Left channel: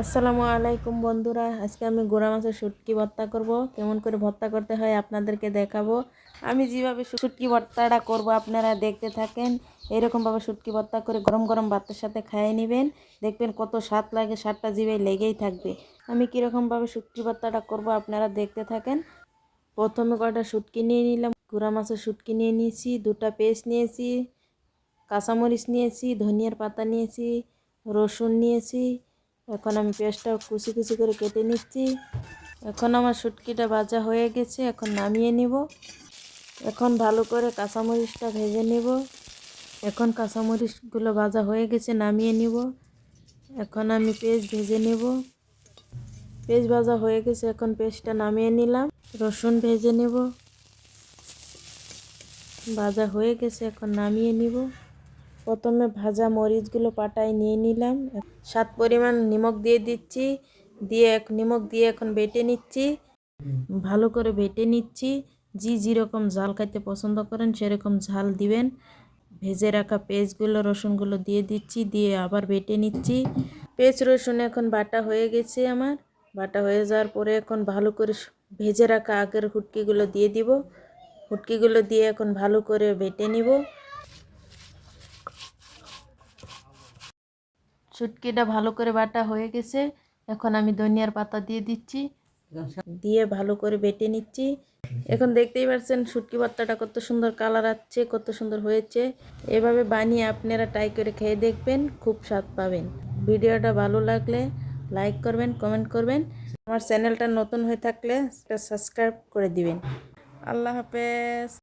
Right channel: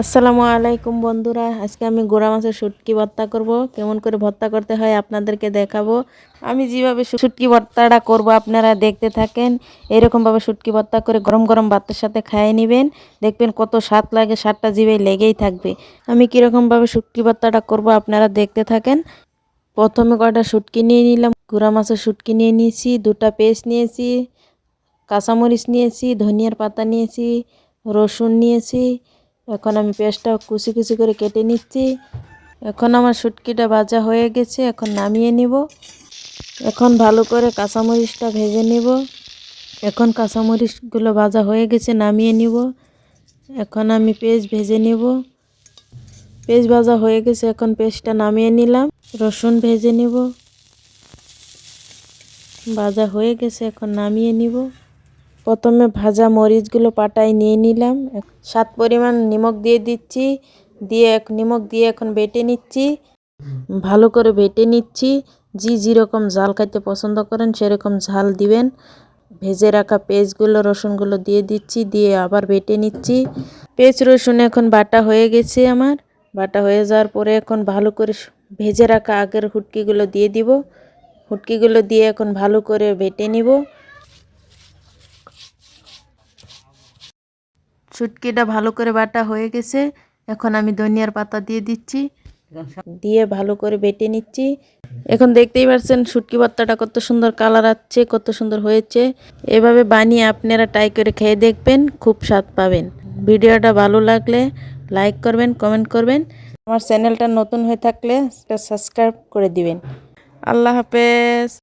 আসসালামু আলাইকুম বন্ধুরা, আজকে আমি গোড়া মাছের শুটকি ভর্তা করব। কেমন করে ভর্তা করতে হয় আপনাদেরকে দেখাবো। আমি যেভাবে শুটকি ভর্তাটা করব আপনারা দেখতে থাকেন। এরকমভাবে শুটকি ভর্তা করে গরম গরম ভাতের সাথে খাইয়ে নেবেন, দেখবেন কত স্বাদ লাগে, স্বাদটা জিভে লেগেই থাকবে। আমি কীরকমভাবে শুটকি ভর্তাটা করব আপনারা দেখতে থাকেন। প্রথমে কয়টা শুটকি নিয়ে নিলাম, গোড়া মাছের শুটকি নিয়ে নিয়েছি, দুটা পেস্ট নিয়েছি, কাঁচামরিচ নিয়েছি, ধনিয়ার পাতা নিয়েছি, রসুন নিয়েছি। এখন আমি পেঁয়াজটা কুচি কুচি করে কেটে নিচ্ছি। এখন আমার শুটকিটা ভাজা হয়ে গেছে, এখন নামিয়ে নিব। এখন ভালো করে কাঁচামরিচটা ভেজে নিব। এখন কাঁচামরিচগুলো ভাজা হয়ে গেছে, নামিয়ে নিব। এখন আমি পেঁয়াজ ভেজে নিব। পেঁয়াজ ভাজা হয়ে গেছে, এখন পেঁয়াজটা নামিয়ে নিলাম। রসুন ভেজে নিব, ভাজা হয়ে গেছে, এখন নামিয়ে নিব। প্রথমে ভাজা মরিচগুলো পাটায় নিয়ে নিলাম। স্বাদ পরিমাণ নিমখ দিয়ে দিচ্ছি, নিমখ দিয়ে এখন বেটে নিচ্ছি। ভালো করে বেটে নিচ্ছি। যেরকম ঝাল খাইতে পছন্দ করেন সেরকম ঝাল দিবেন। ভেজে রাখা পেঁয়াজগুলো রসুনগুলো দিয়ে দিচ্ছি, দিয়ে আবার বেটে নিচ্ছি। পেঁয়াজ রসুন এখন বাটা হয়ে গেছে আমার। বাটা হয়ে যাওয়ার পরে এখন ভালো করে ভেজে রাখা আগের হুটকিগুলো দিয়ে দিব। হুটকিগুলো দিয়ে এখন ভালো করে বেটে নিব। শুটকিটা ভালো করে বাটা হয়ে গেছে, এখন আমি ধনিয়ার পাতা দিয়ে দিচ্ছি, দিয়ে ভালো করে বেটে নিচ্ছি। এখন দেখতেই পাচ্ছেন শুটকি ভর্তাটা কত সুন্দর কালার আসছে, কত সুন্দর হয়েছে। এভাবে বানিয়ে আপনারা ট্রাই করে খেয়ে দেখবেন, খুব স্বাদ পাবেন। ভিডিওটা ভালো লাগলে লাইক করবেন, কমেন্ট করবেন। আমার চ্যানেলটা নতুন হয়ে থাকলে সাবস্ক্রাইব করে দিবেন। আল্লাহ হাফেজ।